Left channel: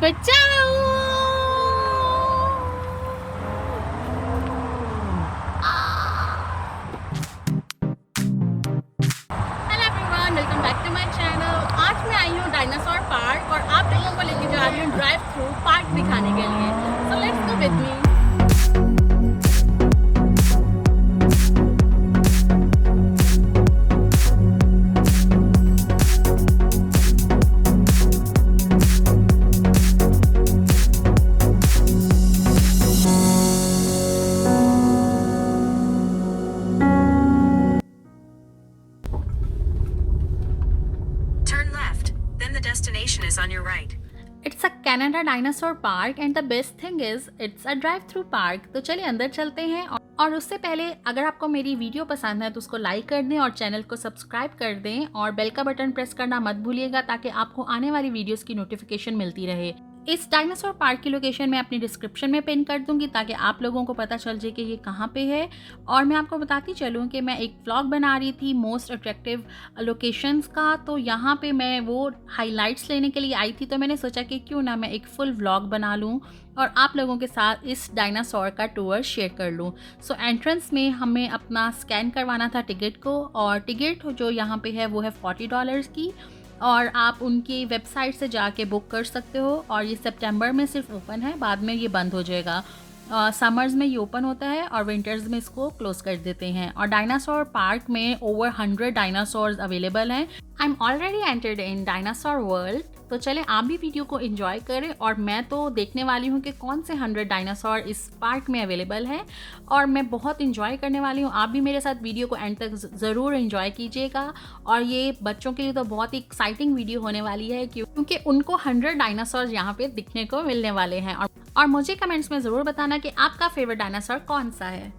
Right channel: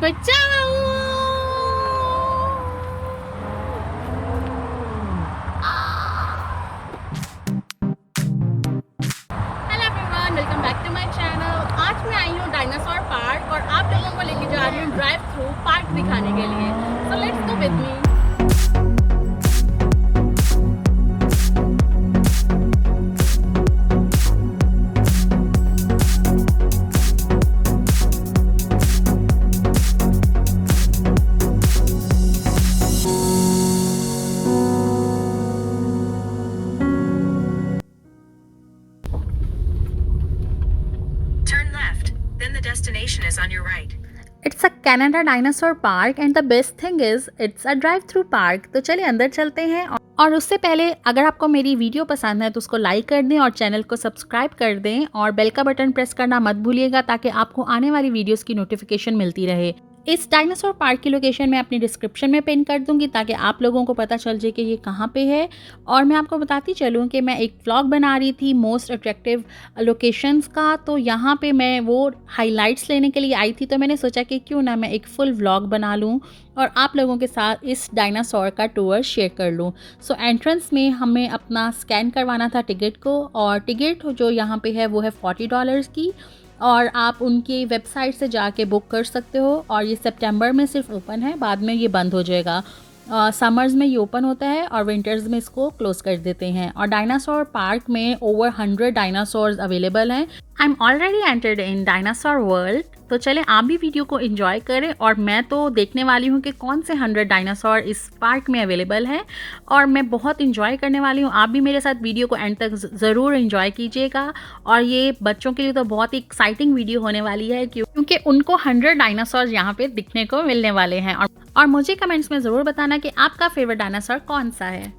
बचाओ। Hello everyone, welcome back to my channel. आज मैं आई हूँ डायनासोर पार्क और आप लोगों को लेके जा रही हूँ ड्राइव थ्रू पार्क दिखाने के लिए। So let's go with me. Destination is on your right. It's a Canada dinosaur park and the best thing is it's a drive through park. तो चलिए अंदर चलते हैं। और उससे पहले अगर आपको मेरी वीडियो पसंद है तो उसको लाइक कर दें और चैनल को सब्सक्राइब कर दें और बेल का बटन प्रेस करना मत भूलिएगा ताकि आपको आने वाली वीडियोस की नोटिफिकेशन मिलती रहे। इस डायनासोर पार्क की लोकेशन मैं अपनी डिस्क्रिप्शन में पिन कर दूंगी ताकि आप लोगों को पता चल जाए कि ये कहाँ पे है। और मैं आपको बताती चलूँ कि मैं एक व्लॉग बना रही थी मोस्ट अट्रैक्टिव लोकेशंस का, तो यहाँ पे मैं वो हाइलाइट्स लेने के लिए आई थी। तो मैंने सोचा कि क्यों ना मैं एक फुल व्लॉग बना लूँ और आप लोगों के साथ इस डायनासोर का टूर शेयर कर लूँ। सो एंट्रेंस में हमें अपना स्कैन करवाना था टिकट को, और टिकट जो यहाँ पे है वो है $40 की, और आप उनकी वेबसाइट से जाके बुक कर सकते हो। और ये सितंबर में सिर्फ ओपन है, बाद में ये बंद हो जाएगा। समर्स में ये ओपन होता है और विंटर्स में इसको क्लोज कर देते हैं। और डायनासोर पार्क में ओवर 100 डायनासोर्स अवेलेबल हैं। I am already entered in dinosaur world. तो चले आप भी वीडियो को एंजॉय करें, और मैं तो देखने वाली हूँ कि कौन से 100 डायनासोर इस पार्क में अवेलेबल हैं, और मैं बहुत एंजॉय करने वाली हूँ। आप भी मेरे साथ वीडियो को एंड तक ज़रूर एंजॉय कीजिएगा। और ये बच्चों के लिए तो बहुत ही एक्साइटिंग वीडियो होने वाली है क्योंकि उनको 100 डायनासोर यहाँ पे दिखने को मिलने वाले हैं। और मुझे कमेंट्स में ज़रूर बताना कि आपका फेवरेट डायनासोर कौन सा है।